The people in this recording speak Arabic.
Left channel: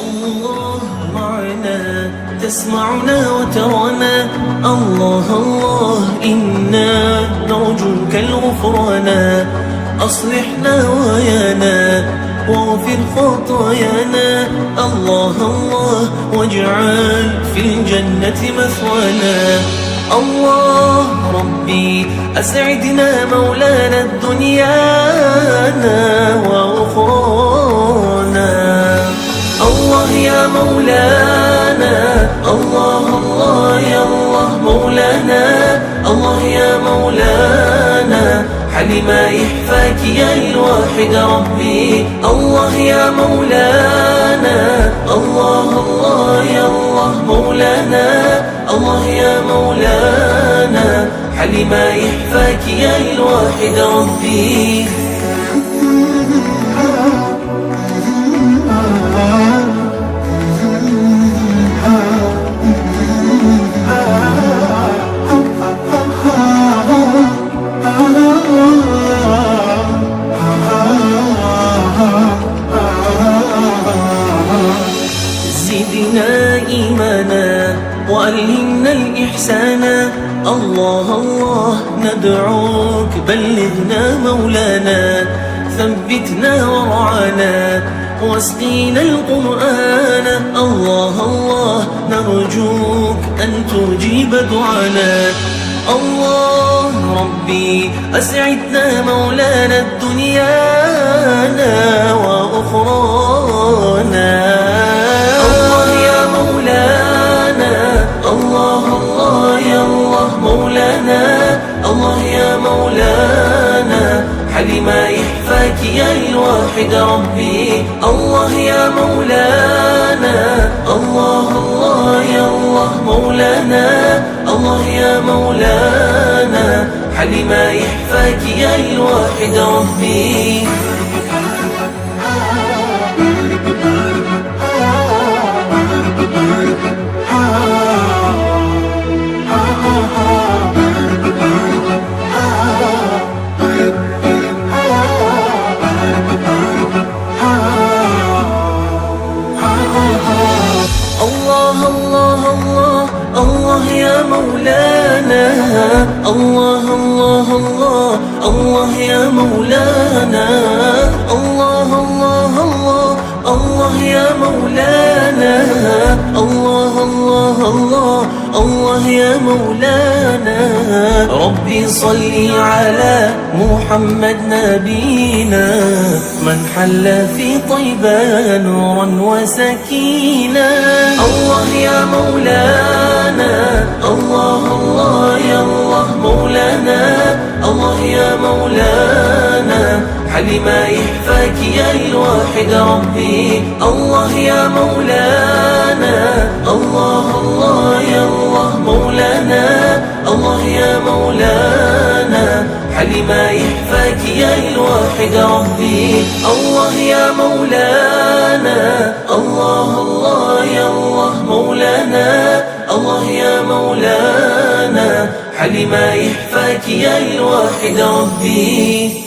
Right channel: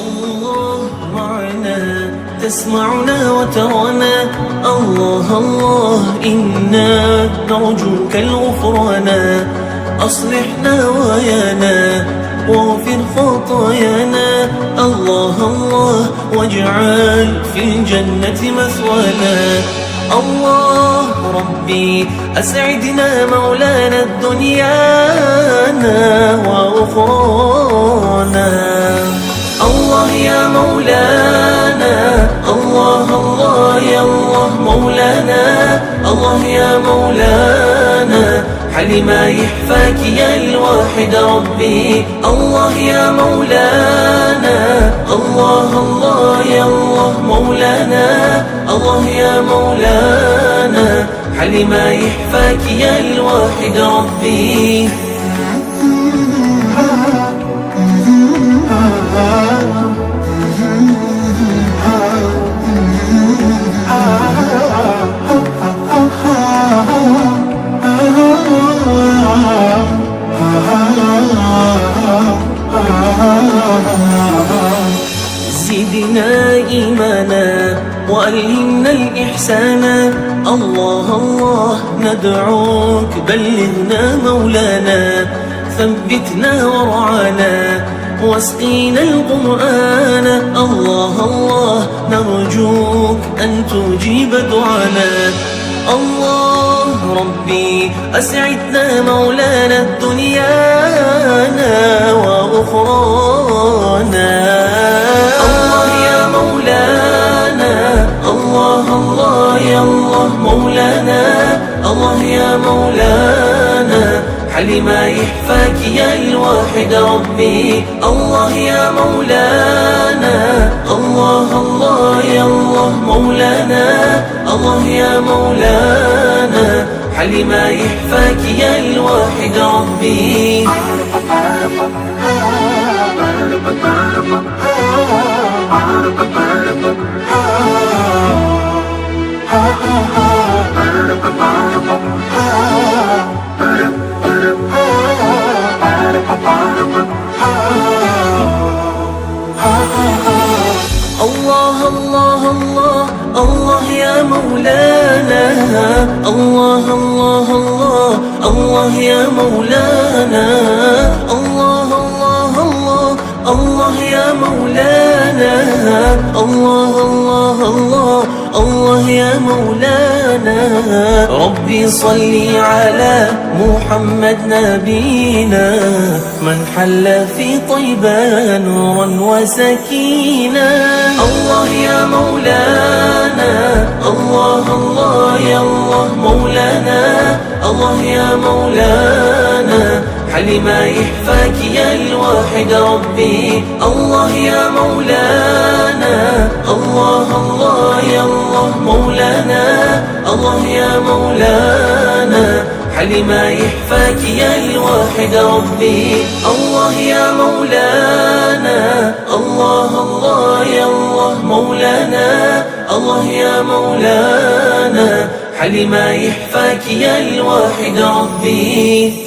الله معنا تسمعنا وترانا. الله الله إنا نرجوك الغفرانا. أصلحنا ويانا واغفر خطايانا. الله الله واجعل في الجنة مثوانا. الله ربي أسعدنا مولانا دنيانا وأخرانا. الله يا مولانا، الله الله يا الله مولانا. الله يا مولانا حل ما يحفاك يا الواحد ربي. الله يا مولانا، الله الله يا الله مولانا. الله يا مولانا حل ما يحفاك يا الواحد ربي. زدنا إيمانا وألهمنا الإحسان. الله الله ندعوك بلغنا مولانا. ثبتنا ورعانا واسقينا القرآن. الله الله نرجوك أن تجيب دعانا. الله ربي أسعدنا مولانا الدنيانا وأخرانا. الله يا مولانا، الله الله يا الله مولانا. الله يا مولانا حل ما يحفاك يا الواحد ربي. الله يا مولانا، الله الله يا الله مولانا. الله يا مولانا حل ما يحفاك يا الواحد ربي. الله الله الله الله يا مولانا. الله الله الله الله يا مولانا. الله الله الله الله يا مولانا. الله الله الله الله يا مولانا. ربي صلي على محمد نبينا من حل في طيبة نورا وسكينة. الله يا مولانا، الله الله يا الله مولانا. الله يا مولانا حل ما يحفاك يا الواحد ربي. الله يا مولانا، الله الله يا الله مولانا. الله يا مولانا حل ما يحفاك يا الواحد ربي. الله يا مولانا، الله الله يا الله مولانا. الله يا مولانا حل ما يحفاك يا الواحد ربي.